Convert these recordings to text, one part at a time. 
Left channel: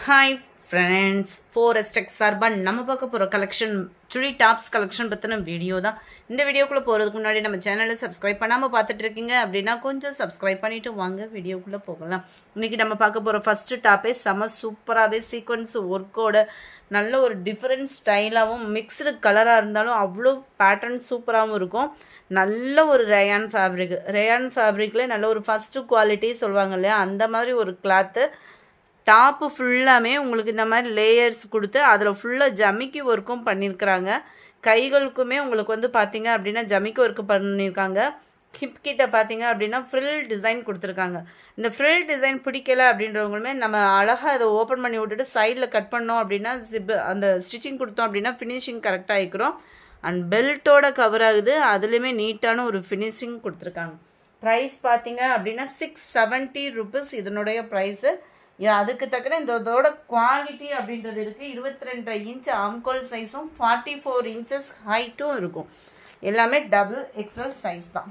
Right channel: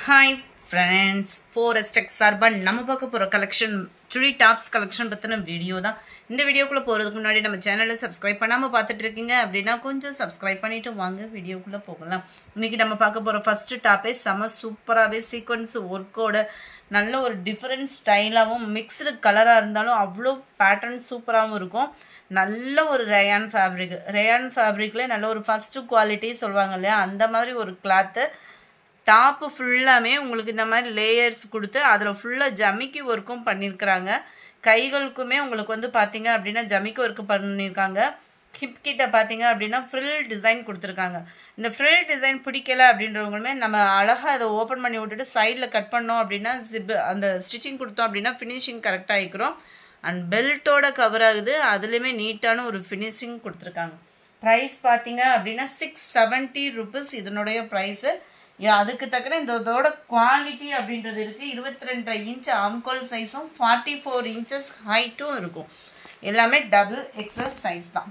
Hi friends, 4STEX Sarban நம்ம பார்க்க போற கலெக்ஷன் சுடி டாப்ஸ் கலெக்ஷன் பத்தின வீடியோ தான். இந்த வீடியோக்குள்ள போறதுக்கு முன்னாடி நம்ம சேனலை சப்ஸ்கிரைப் பண்ணாம பார்த்துட்டு இருக்கீங்க அப்படினா கொஞ்சம் சப்ஸ்கிரைப் பண்ணிட்டு வாங்க வீடியோக்குள்ள போகலாம். இன்னைக்கு நம்ம பார்க்க போற ஃபர்ஸ்ட் டாப்பே செம சூப்பராவே சீக்வென்ஸ் வர்க்கோட நல்ல ஒரு டிஃபரண்ட் ஸ்டைலாவும் மிக்ஸ்டு கலரா இருந்தாலும் அவ்வளோ பேட்டர்ன் சூப்பராகவும் இருக்கும். நல்ல ஒரு ரயான் ஃபேப்ரிக்ல நல்ல ஒரு ஃபர்ஸ்ட் குவாலிட்டி சொல்லுவாங்க இல்லையா, அந்த மாதிரி ஒரு கிளாத்து. டாப்பு ஃபுல்லாமே உங்களுக்கு இந்த மாதிரி லேயர்ஸ் கொடுத்து அதில் ஃபுல்லாக ஜமிக்கி ஒர்க்கும் பண்ணியிருக்கிறாங்க. கைகளுக்குமே உங்களுக்கு வந்து பார்த்தீங்க அப்படின்னா ஜமிக்கி ஒர்க்கு பண்ணியிருக்காங்க. ஹிப் கிட்ட பார்த்தீங்க அப்படின்னா ஃப்ரில் டிசைன் கொடுத்துருக்காங்க. இந்த ஃப்ரில் டிசைன் பிடிக்கல அப்படின்றவங்களுமே நம்ம அழகாக அதை ஓப்பன் பண்ணி விட்டுட்டு சைடில் கட் பண்ணோம் அப்படின்னா அந்த ஸ்டிச்சிங் கொடுத்தோம் அப்படின்னா ஃபினிஷிங் கரெக்டாக ஆகிக்கிறோம். அண்ட் பெல்ட்டோட கவர் ஆகுது, அதுலேயுமே நீட்டான ஒரு ஃபினிஷிங் கொடுத்துருக்காங்க. ப்ரைஸ் பார்த்தீங்க அப்படின்னா 670 rupees இதனுடைய ப்ரைஸு. அதுக்கு தக்கன இதோட குவாலிட்டி அப்படின்றது இருக்கு. 22 இன்ச் ஆம்கோல் சைஸும் 44 inches ஹைட்டும் இருக்கும். எல்லாமே டபுள் எக்ஸல் சைஸ் தான்.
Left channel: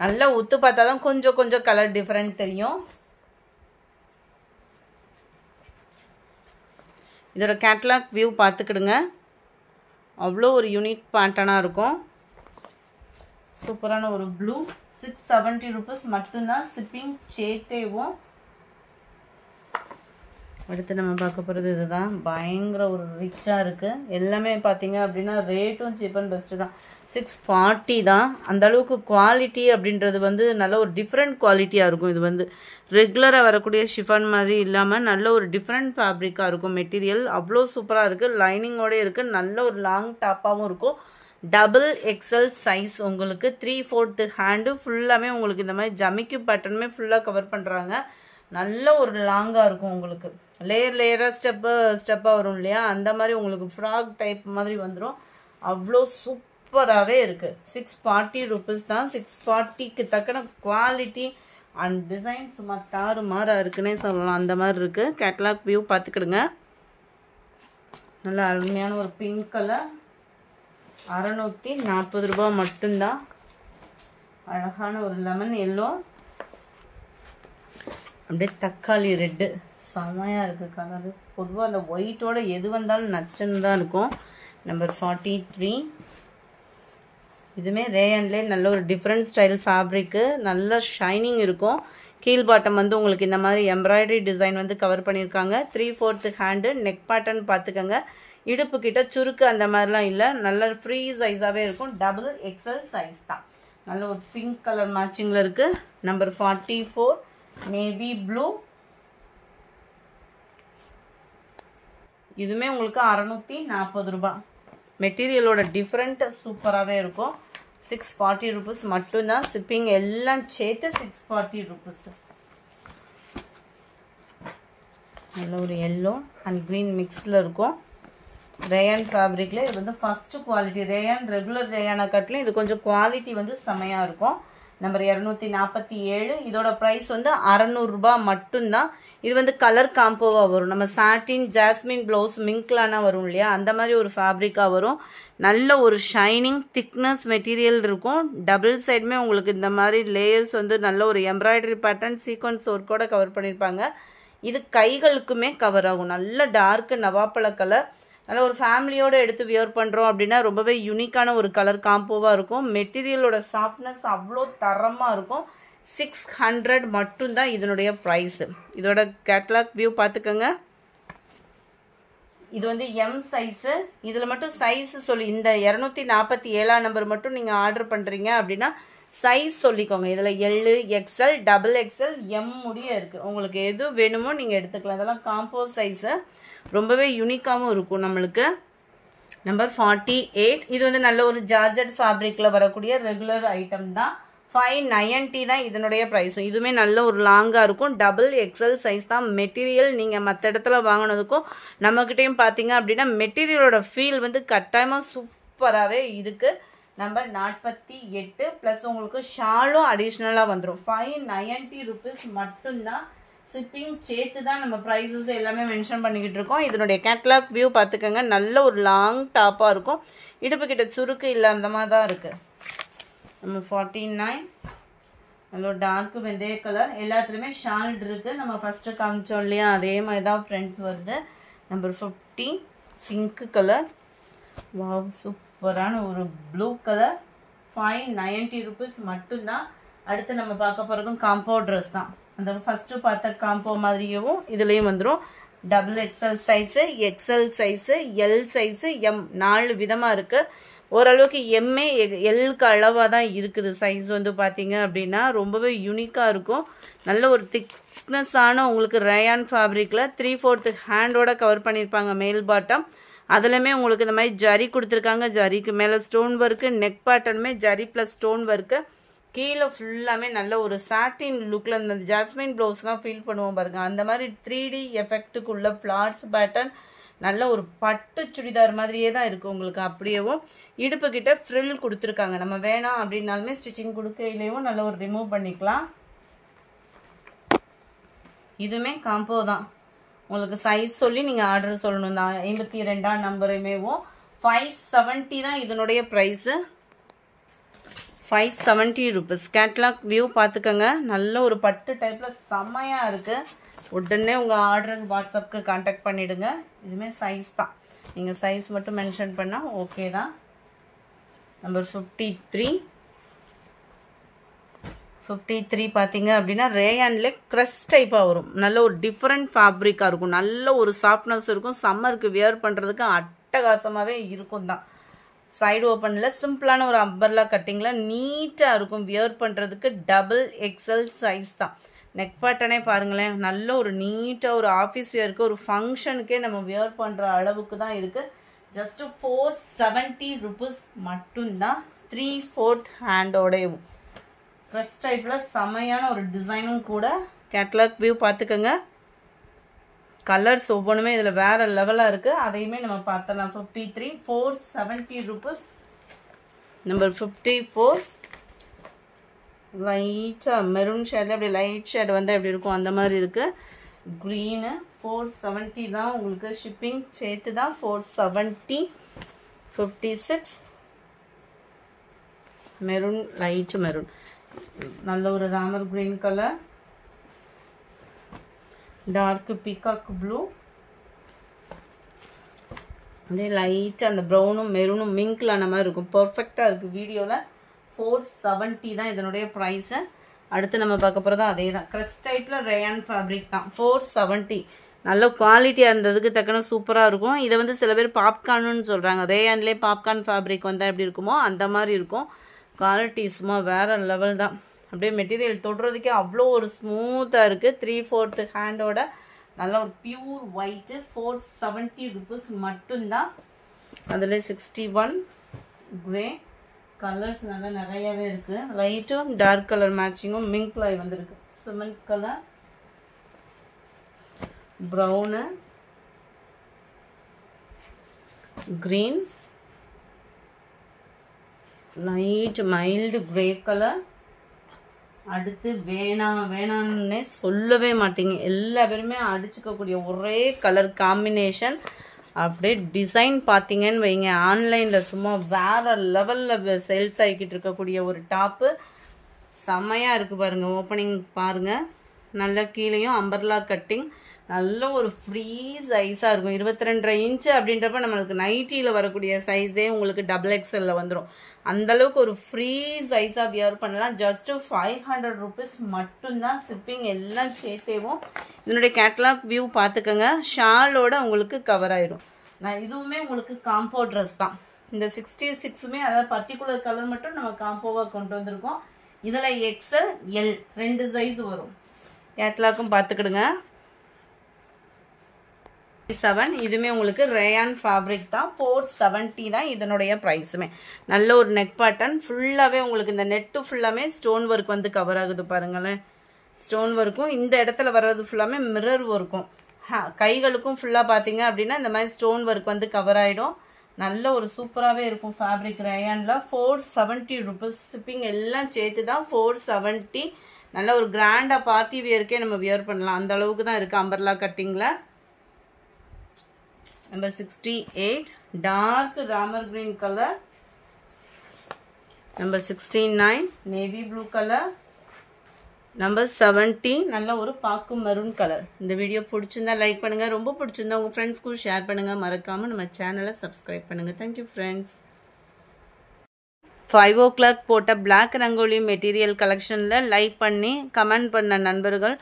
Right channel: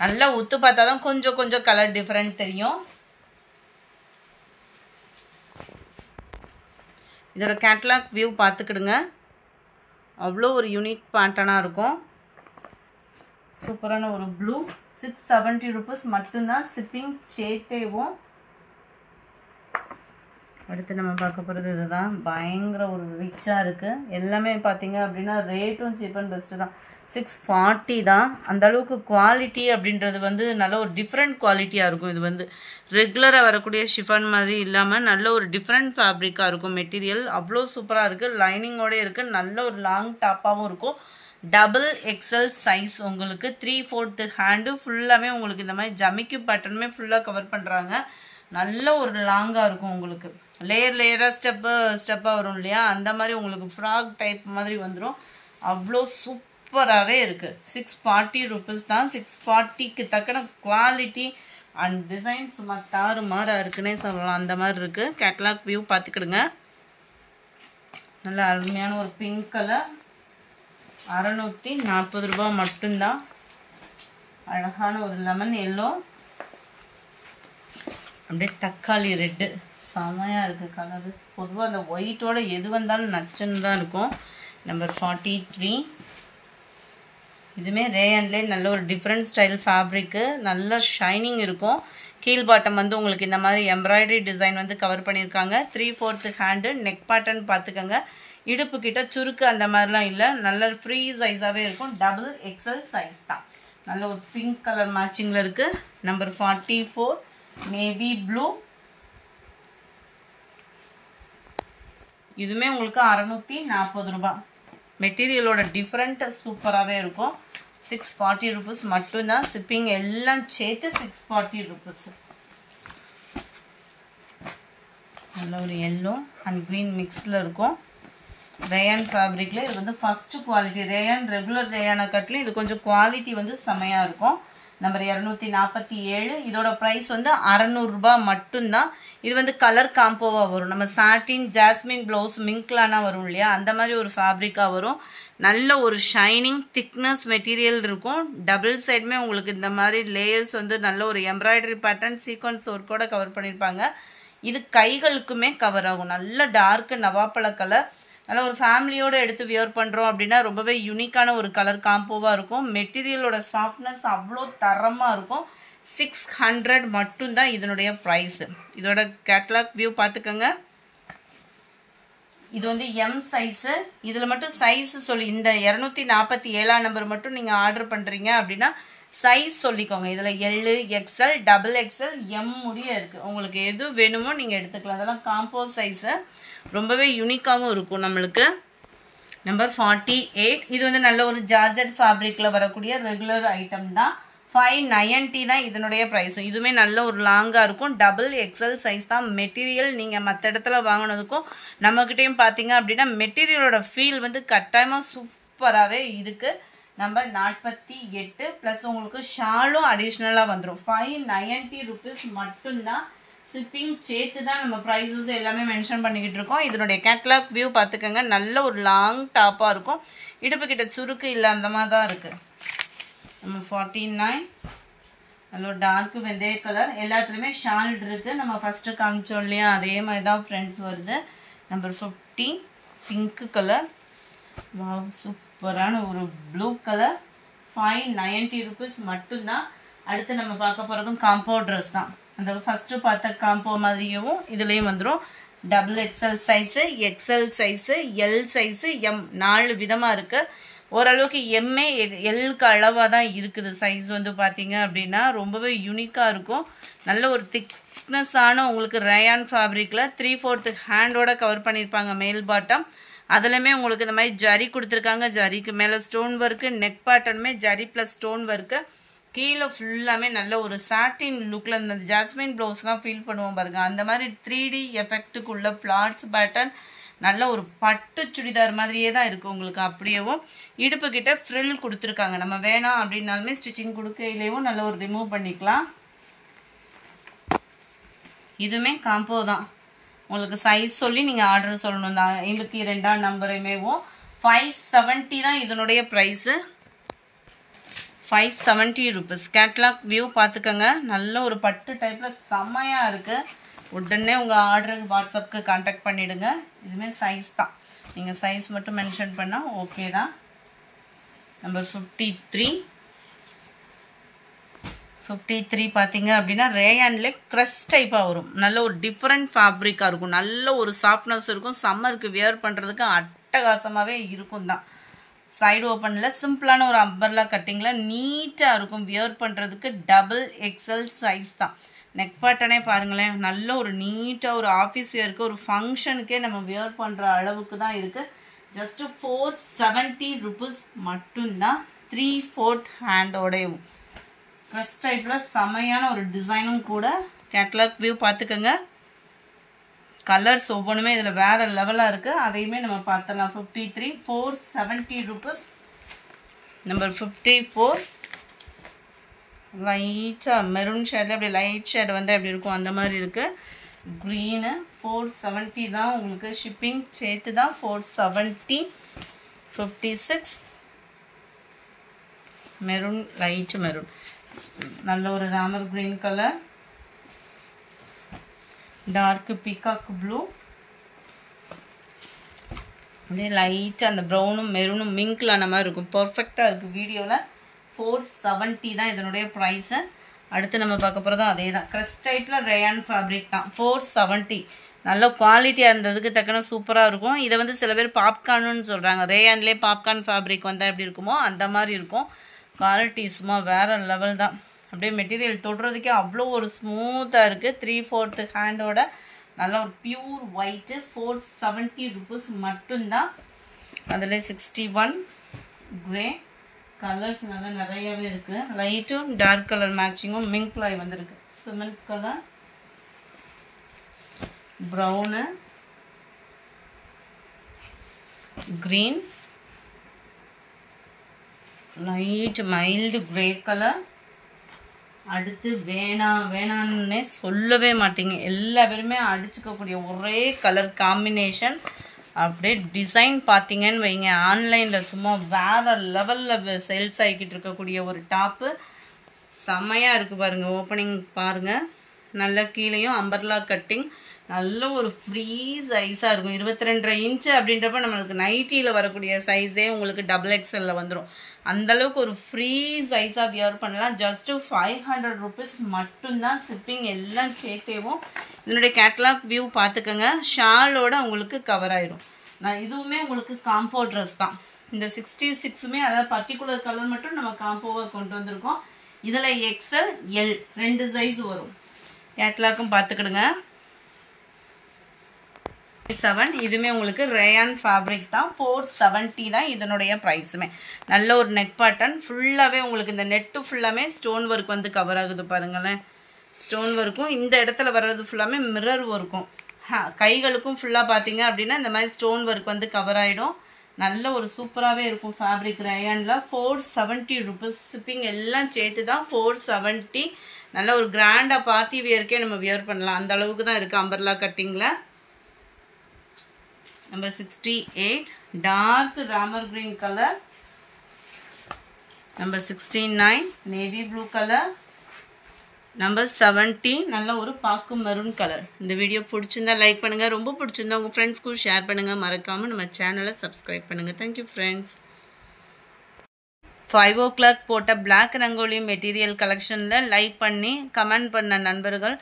நல்லா உத்து பார்த்தா தான் கொஞ்சம் கொஞ்சம் கலர் டிஃபரெண்ட் தெரியும். இதோட கேட்லாக் வியூ பார்த்துக்கிடுங்க. அவ்வளோ ஒரு யூனிக் பேட்டர்னாக இருக்கும். சூப்பரான ஒரு ப்ளூ. 670 rupees மட்டும்தான். ஷிப்பிங் சேர்த்தேவும். அடுத்து நம்ம பார்க்க போகிறது இதுதான். பயங்கர ஒரு ரிச்சாக இருக்குது. எல்லாமே பார்த்தீங்க அப்படின்னா ரேட்டும் சீப் அண்ட் பெஸ்ட்டு தான். 640 தான். அந்த அளவுக்கு குவாலிட்டி அப்படின்றது வந்து நல்ல ஒரு டிஃப்ரெண்ட் குவாலிட்டியாக இருக்கும். இது வந்து ரெகுலராக வரக்கூடிய ஷிஃபான் மாதிரி இல்லாமல் நல்ல ஒரு டிஃப்ரெண்ட் ஃபேப்ரிக்காக இருக்கும். மெட்டீரியல் அவ்வளோ சூப்பராக இருக்குது. லைனிங்கோடு இருக்குது. நல்ல ஒரு லாங் டாப்பாகவும் இருக்கும். Double XL size. உங்களுக்கு 3/4 ஹேண்டு ஃபுல்லாமே உங்களுக்கு இந்த மாதிரி ஜமிக்கி பேட்டர்னுமே ஃபுல்லாக கவர் பண்ணுறாங்க. நல்ல ஒரு லாங்காக இருக்கும். உங்களுக்கு லேயராக ஸ்டெப்பாக வரும் இல்லையா, அந்த மாதிரி உங்களுக்கு ஃப்ராக் டைப் மாதிரி வந்துடும். அவ்வளோ சூப்பராகவே இருக்குது. 640 rupees தான். 640க்கு தக்கன குவாலிட்டி அண்ட் டிசைன் சும்மா தாறு மாறா இருக்குன்னே சொல்லலாம். அந்த மாதிரி இருக்குது. கேட்லாக் வியூ பார்த்துக்கிடுங்க. நல்ல அருமையான ஒரு பிங்க் கலர். 640 ரூபாய் மட்டும்தான். அழகான ஒரு லெமன் எல்லோ, அப்படியே தக்காளி ரெட்டு, செமையாக இருக்குது கலரு. பொதுவாக அந்த ஒயிட்டோட எது வந்தாலும் நச்சுன்னு தான் இருக்கும். நம்பர் 43. இதுவுமே ரேயன்லேயே நல்ல ஒரு டிஃப்ரெண்ட் ஸ்டைல் ஃபேப்ரிக்கு. நல்ல ஷைனிங் இருக்கும். கீழ் பாட்டம் வந்து உங்களுக்கு இந்த மாதிரி எம்ப்ராய்டரி டிசைன் வந்து கவர் பண்ணியிருக்காங்க. 3/4 ஹேண்டு. நெக் பேட்டர்ன் பார்த்துக்கோங்க. இடுப்பு கிட்ட சுருக்கு அந்த மாதிரிலாம் இல்லை. நல்ல ஃப்ரீ சைஸாகவே இருக்கும். டபுள் எக்ஸல் சைஸ் தான். நல்ல ஒரு பிங்க் கலர் மேட்சிங்கில் இருக்குது. Number 44 navy blue. இதுவுமே உங்களுக்கு 640 ரூபாய். மெட்டீரியலோட டிஃப்ரெண்ட் சூப்பராகவே இருக்கும். 640 rupees மட்டும்தான். ஷிப்பிங் எல்லாம் சேர்த்து 640 rupees. நல்ல ஒரு எல்லோ அண்ட் க்ரீன் மிக்ஸில் இருக்கும். ரேயான் ஃபேப்ரிக்கில் இது வந்து ஃபஸ்ட்டு குவாலிட்டி. ரேயான் ரெகுலர் ரேயானை காட்டிலும் இது கொஞ்சம் குவாலிட்டி வந்து செமையாக இருக்கும். நம்பர் 247. இதோட ப்ரைஸ் வந்து 600 ரூபாய் மட்டும்தான். இது வந்து கலர் காம்போவாக வரும். நம்ம சாட்டின் ஜாஸ்மின் ப்ளவுஸ் மிங்க்லானா வரும் இல்லையா, அந்த மாதிரி ஒரு ஃபேப்ரிக்காக வரும். நல்ல ஒரு ஷைனிங் திக்னஸ் மெட்டீரியல் இருக்கும். டபுள் சைடுமே உங்களுக்கு இந்த மாதிரி லேயர்ஸ் வந்து நல்ல ஒரு எம்ப்ராய்டரி பேட்டர்ன் சீக்வன்ஸ் ஒர்க்கோட கவர் பண்ணியிருப்பாங்க. இது கைகளுக்குமே கவர் ஆகும். நல்ல டார்க் நவாப்பழ கலர். நல்ல ஒரு ஃபேமிலியோடு எடுத்து வியர் பண்ணுறோம் அப்படின்னா ரொம்பவே யூனிக்கான ஒரு கலர் காம்போவாக இருக்கும். மெட்டீரியலோட சாஃப்ட்னஸ் அவ்வளோ தரமாக இருக்கும். 600 மட்டும்தான் இதனுடைய ப்ரைஸு. இதோட கேட்லாக் வியூ பார்த்துக்கோங்க. இது வந்து எம் சைஸு. இதில் மட்டும் சைஸு சொல்லி இந்த 247 நம்பர் மட்டும் நீங்கள் ஆர்டர் பண்ணுறீங்க அப்படின்னா சைஸ் சொல்லிக்கோங்க. இதில் L, XL, double XL, M முடிய இருக்குது. உங்களுக்கு எது வேணுமோ நீங்கள் எடுத்துக்கலாம். அதெல்லாம் காம்போ சைஸு. ரொம்பவே யூனிக்காகவும் இருக்கும் நம்மளுக்கு. நம்பர் 48. இது வந்து நல்ல ஒரு ஜார்ஜெட் ஃபேப்ரிக்கில் வரக்கூடிய ரெகுலர் ஐட்டம் தான். 590 தான் இதனுடைய ப்ரைஸும். இதுவுமே நல்ல ஒரு லாங்காக இருக்கும். டபுள் எக்ஸ்எல் சைஸ் தான். மெட்டீரியல் நீங்கள் மற்ற இடத்துல வாங்கினதுக்கும் நம்மக்கிட்டையும் பார்த்தீங்க அப்படின்னா மெட்டீரியலோட ஃபீல் வந்து கட்டாயமாக சூப்பராகவே இருக்குது. நம்பர் 48 ப்ளஸ் உங்களுக்கு ஷாலும் அடிஷ்னலாக வந்துடும். 590 rupees மட்டும்தான். ஷிப்பிங் சேர்த்து தான் நம்ம ப்ரைஸஸ் எல்லாமே மென்ஷன் பண்ணிக்கிட்டு இருக்கோம். இதனுடைய கேட்லாக் வியூ பார்த்துக்கோங்க. நல்ல ஒரு லாங் டாப்பாக இருக்கும். இடுப்பு கிட்ட சுருக்கு இல்லை, அந்த மாதிரி தான் இருக்குது. நம்ம 49. நல்ல ஒரு டார்க் வெந்தய கலர். எல்லாத்துலேயுமே ஷால் இருக்குது. நம்ம ஃபஸ்ட்டு காமிச்சோம் இல்லையா, அதே மாதிரி தான் ஃப்ரெண்ட்ஸ் வருது. Number 50 pink colour. வாவ், சூப்பரான ஒரு ப்ளூ கலர். 590 rupees மட்டும்தான். அடுத்து நம்ம பார்க்க போகிறதும் காம்போ ட்ரெஸ் தான். அந்த ஃபஸ்ட்டு பார்த்த காம்போ மாதிரியும் இதுலேயும் வந்துடும். Double XL size, XL size, L size, M 4 விதமாக இருக்குது. ஓரளவுக்கு எம்ஏ எல்லுக்கு அளவாக தான் இருக்குது. சைஸ் வந்து பார்த்தீங்க அப்படின்னா ரொம்பவே யூனிக்காக இருக்கும். நல்ல ஒரு திக்னஸான உங்களுக்கு ரயான் ஃபேப்ரிக்கில் 3/4 ஹேண்டோட கவர் பண்ணியிருப்பாங்க மேல் பாட்டம். அதுலேயுமே உங்களுக்கு இந்த மாதிரி ஜரி கொடுத்துருக்காங்க. ஜரிக்கு மேலே ஸ்டோன் ஒர்க்கு, நெக் பேட்டர்னுமே ஜரி ப்ளஸ் ஸ்டோன் ஒர்க்கு. கீழே ஃபுல்லாமே நல்ல ஒரு சாட்டின் லுக்கில் இந்த ஜாஸ்மின் ப்ளவுஸ்லாம் ஃபீல் பண்ணுவோம் பாருங்க. அந்த மாதிரி 3D எஃபெக்ட்டுக்குள்ள ஃப்ளார்ஸ் பேட்டர்ன். நல்ல ஒரு பட்டு சுடிதார் மாதிரியே தான் இருக்குது உங்களுக்கு. அப்படியேவும் இடுப்பு கிட்ட ஃப்ரில் கொடுத்துருக்காங்க. நம்ம வேணாம் அப்படின்னாலுமே ஸ்டிச்சிங் கொடுக்கையிலேயும் நல்ல ஒரு ரிமூவ் பண்ணிக்கலாம். இதுவுமே காம்போ தான். உங்களுக்கு சைஸ் சொல்லி நீங்கள் ஆர்டர் சொல்லணும் தான். 82ஆம் நம்பரையுமேவும் 570 தான் இதனுடைய ப்ரைஸு. 570 rupees. கேட்லாக் வியூ பார்த்துக்கோங்க. நல்ல ஒரு பட்டு டைப்பில் செம்மையாக இருக்குது. உடனே உங்கள் ஆர்டருக்கு வாட்ஸ்அப்புக்கு கான்டாக்ட் பண்ணிவிடுங்க. இதுவுமே சைஸ் தான். நீங்கள் சைஸ் மட்டும் மென்ஷன் பண்ணால் ஓகே தான். நம்பர் 53 பார்த்தீங்க அப்படின்னா ரேயான்லே க்ரஷ் டைப்பாக வரும். நல்ல ஒரு டிஃப்ரெண்ட் ஃபேப்ரிக்காக இருக்கும். நல்ல ஒரு சாஃப்ட்னஸ் இருக்கும். சம்மருக்கு வியர் பண்ணுறதுக்கு அட்டகாசமாகவே இருக்கும் தான். சைடு ஓப்பனில் சிம்பிளான ஒரு அம்பர்லா கட்டிங்கில் நீட்டாக இருக்கும். வியர் பண்ணுறதுக்கு டபுள் எக்ஸ்எல் சைஸ் தான். நெக் பேட்டர்னே பாருங்களேன். நல்ல ஒரு நீட்டாக ஒரு ஆஃபீஸ் வியருக்கு, ஒரு ஃபங்க்ஷனுக்கே நம்ம வியர் பண்ணுற அளவுக்கு தான் இருக்குது. ஜஸ்ட்டு 470 rupees மட்டும்தான். 3/4 ஹேண்டோடையும் க்ரஷ் டைப்பில் செமையான ஒரு டிசைனும் கூட. கேட்லாக் வியூ பார்த்துக்கோங்க. கலர்ஸ் ஒவ்வொன்றுமே இதில் வேறு லெவலாக இருக்குது. அதையுமே நம்ம பார்த்தலாம். 53 470 rupees. நம்பர் 54 லைட்டாக மெரூன் ஷேடில் அப்படி லைட் ஷேடு வந்து எப்படி இருக்கும் அந்த மாதிரி இருக்குது. க்ரீனு 470 தான். உங்களுக்கு ஷிப்பிங் சேர்த்து தான் 470. 56 மெரூன், லைட் மெரூன். நல்ல ஒரு Ramar green colour. Dark peacock blue. அப்படியே லைட்டாக அந்த ப்ரௌனும் மெரூனும் மிங்கில் ஆன மாதிரி இருக்கும். பர்ஃபெக்டாக இருக்குது வீடியோவில். 470 தான் இதனுடைய ப்ரைஸு. அடுத்து நம்ம பார்க்க போகிறதும் அதே தான். க்ரஷ் டைப்பில் ரயான் ஃபேப்ரிக் தான். 470. நல்ல குவாலிட்டியாக இருந்ததுக்கு தக்கன சூப்பராக இருக்கும். இதை வந்து சில பேர் பாப்கார்னுன்னு சொல்கிறாங்க. ரேயான்லேயே பாப்கார்ன் ஃபேப்ரிக் வந்தால் எப்படி இருக்குமோ அந்த மாதிரி இருக்கும். குவாலிட்டி சும்மா வேறு லெவல் தான். அப்படியே மெட்டீரியல் தொடுறதுக்கே அவ்வளோ ஒரு ஸ்மூத்தாக இருக்குது. 3/4 ஹேண்டோட நல்ல ஒரு பியூர் ஒயிட்டு. 470 rupees மட்டும்தான். அதில் 61 கிரே கலர்ஸ் நல்லா நிறையவே இருக்குது. லைட்டும் டார்க் கலர் மேட்சிங்கும் மிங்க்லாய் வந்துருக்கு. Cement colour, brown, green, light mild grey colour. அடுத்து வேணான்னே சொல்லவே மாட்டீங்க. எல்லா பேருமே அடிச்சுக்கக்கூடிய ஒரே கலர் காம்பினேஷன். அப்படியே டிசைன் பார்த்தீங்கன்னு வைங்க, ஆன்லைனில் சும்மா வேறு லெவலில் சேல்ஸ் ஆகிக்கிட்டு இருக்கக்கூடிய ஒரு டாப்பு. செம்மையாக இருக்குது பாருங்கள். ஓப்பனிங் பாருங்கள். நல்ல கீழேயும் அம்பர்லா கட்டிங். நல்ல ஒரு ஃப்ரீ சைஸாக இருக்கும். 22.5 இன்ச்சு அப்படின்றப்ப நம்மளுக்கு நைட்டியில் வரக்கூடிய சைஸே உங்களுக்கு டபுள் எக்ஸ்எல்ல வந்துடும். அந்தளவுக்கு ஒரு ஃப்ரீ சைஸாக வியர் பண்ணலாம். ஜஸ்ட்டு 500 rupees மட்டும்தான். ஷிப்பிங் எல்லாம் சேர்த்தேவும். இதனுடைய கேட்லாக் வியூ பார்த்துக்கோங்க. ஷாலோட உங்களுக்கு கவர் ஆயிடும். இதுவுமே உங்களுக்கு காம்போ ட்ரெஸ் தான். இந்த 66மே அதாவது பர்டிகுலர் கலர் மட்டும் நம்ம காம்போவாக கொண்டு வந்திருக்கோம். இதில் எக்ஸ்எல் எல் 2 சைஸ் வரும். கேட்லாக்கும் பார்த்துக்கிடுங்க. 7 இதுவுமே உங்களுக்கு ரேயான் ஃபேப்ரிக் தான். 470 தான் இதனுடைய ப்ரைஸுமே. நல்ல ஒரு நெக் பேட்டர்ன். ஃபுல்லாகவே உங்களுக்கு இந்த நெட்டு ஃபுல்லாமே ஸ்டோன் ஒர்க் வந்து கவர் ஆகுது பாருங்களேன். ஸ்டோன் ஒர்க்கும் இந்த இடத்துல வர்றது ஃபுல்லாமே மிரர் ஒர்க்கும். கைகளுக்கும் ஃபுல்லாக பார்த்தீங்க அப்படின்னா இந்த மாதிரி ஸ்டோன் ஒர்க் வந்து கவர் ஆகிடும். நல்ல ஒரு சூப்பராகவே இருக்கும் ஃபேப்ரிக் ரேயானில். 470 rupees. ஷிப்பிங் எல்லாம் சேர்த்து தான் 470. நல்ல ஒரு கிராண்டாக பார்ட்டி வியருக்கே நம்ம வியர் பண்ணலாம். அந்த அளவுக்கு தான் இருக்குது அம்பர்லா கட்டிங்கில். Number 68 dark Ramar green colour. Number 69 navy blue colour. Number 70 நல்ல ஒரு பாக்கு மரூன் கலர். இந்த வீடியோ பிடிச்சிருந்தா லைக் பண்ணுங்க, ரொம்ப பிடிச்சிருந்தா உங்க ஃப்ரெண்ட்ஸ்க்கு ஷேர் பண்ணுங்க, மறக்காம நம்ம சேனலை சப்ஸ்கிரைப் பண்ணுங்க. Thank you friends. 5 o'clock போட்ட பிளாக் ரங்கோலி மெட்டீரியல் கலெக்ஷனில் லைக் பண்ணி கமெண்ட் பண்ண நண்பர்கள்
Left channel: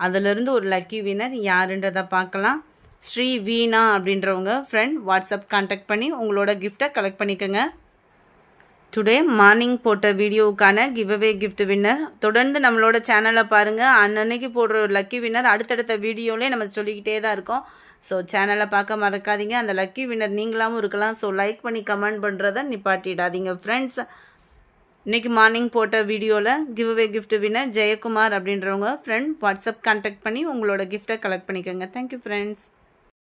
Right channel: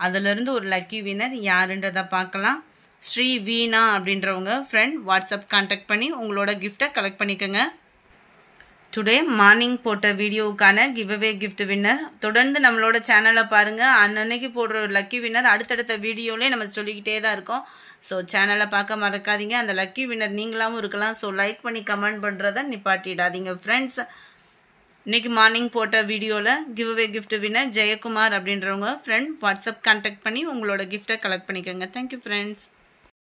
அதிலிருந்து ஒரு லக்கி வினர் யாருன்றதை பார்க்கலாம். ஸ்ரீ வீணா அப்படின்றவங்க ஃப்ரெண்ட் வாட்ஸ்அப் கான்டாக்ட் பண்ணி உங்களோட கிஃப்டை கலெக்ட் பண்ணிக்கோங்க. டுடே மார்னிங் போட்ட வீடியோவுக்கான கிவ்அவே கிஃப்ட் வின்னர் தொடர்ந்து நம்மளோட சேனலை பாருங்கள். அன்னன்னைக்கு போடுற ஒரு லக்கி வின்னர் அடுத்தடுத்த வீடியோலேயே நம்ம சொல்லிக்கிட்டே தான் இருக்கோம். ஸோ சேனலை பார்க்க மறக்காதீங்க. அந்த லக்கி வின்னர் நீங்களாகவும் இருக்கலாம். ஸோ லைக் பண்ணி கமெண்ட் பண்ணுறதை நிப்பாட்டிடாதீங்க ஃப்ரெண்ட்ஸ். இன்றைக்கி மார்னிங் போட்ட வீடியோவில் கிவ்அவே கிஃப்ட் வின்னர் ஜெயக்குமார் அப்படின்றவங்க ஃப்ரெண்ட் வாட்ஸ்அப் கான்டாக்ட் பண்ணி உங்களோட கிஃப்டை கலெக்ட் பண்ணிக்கோங்க. Thank you friends.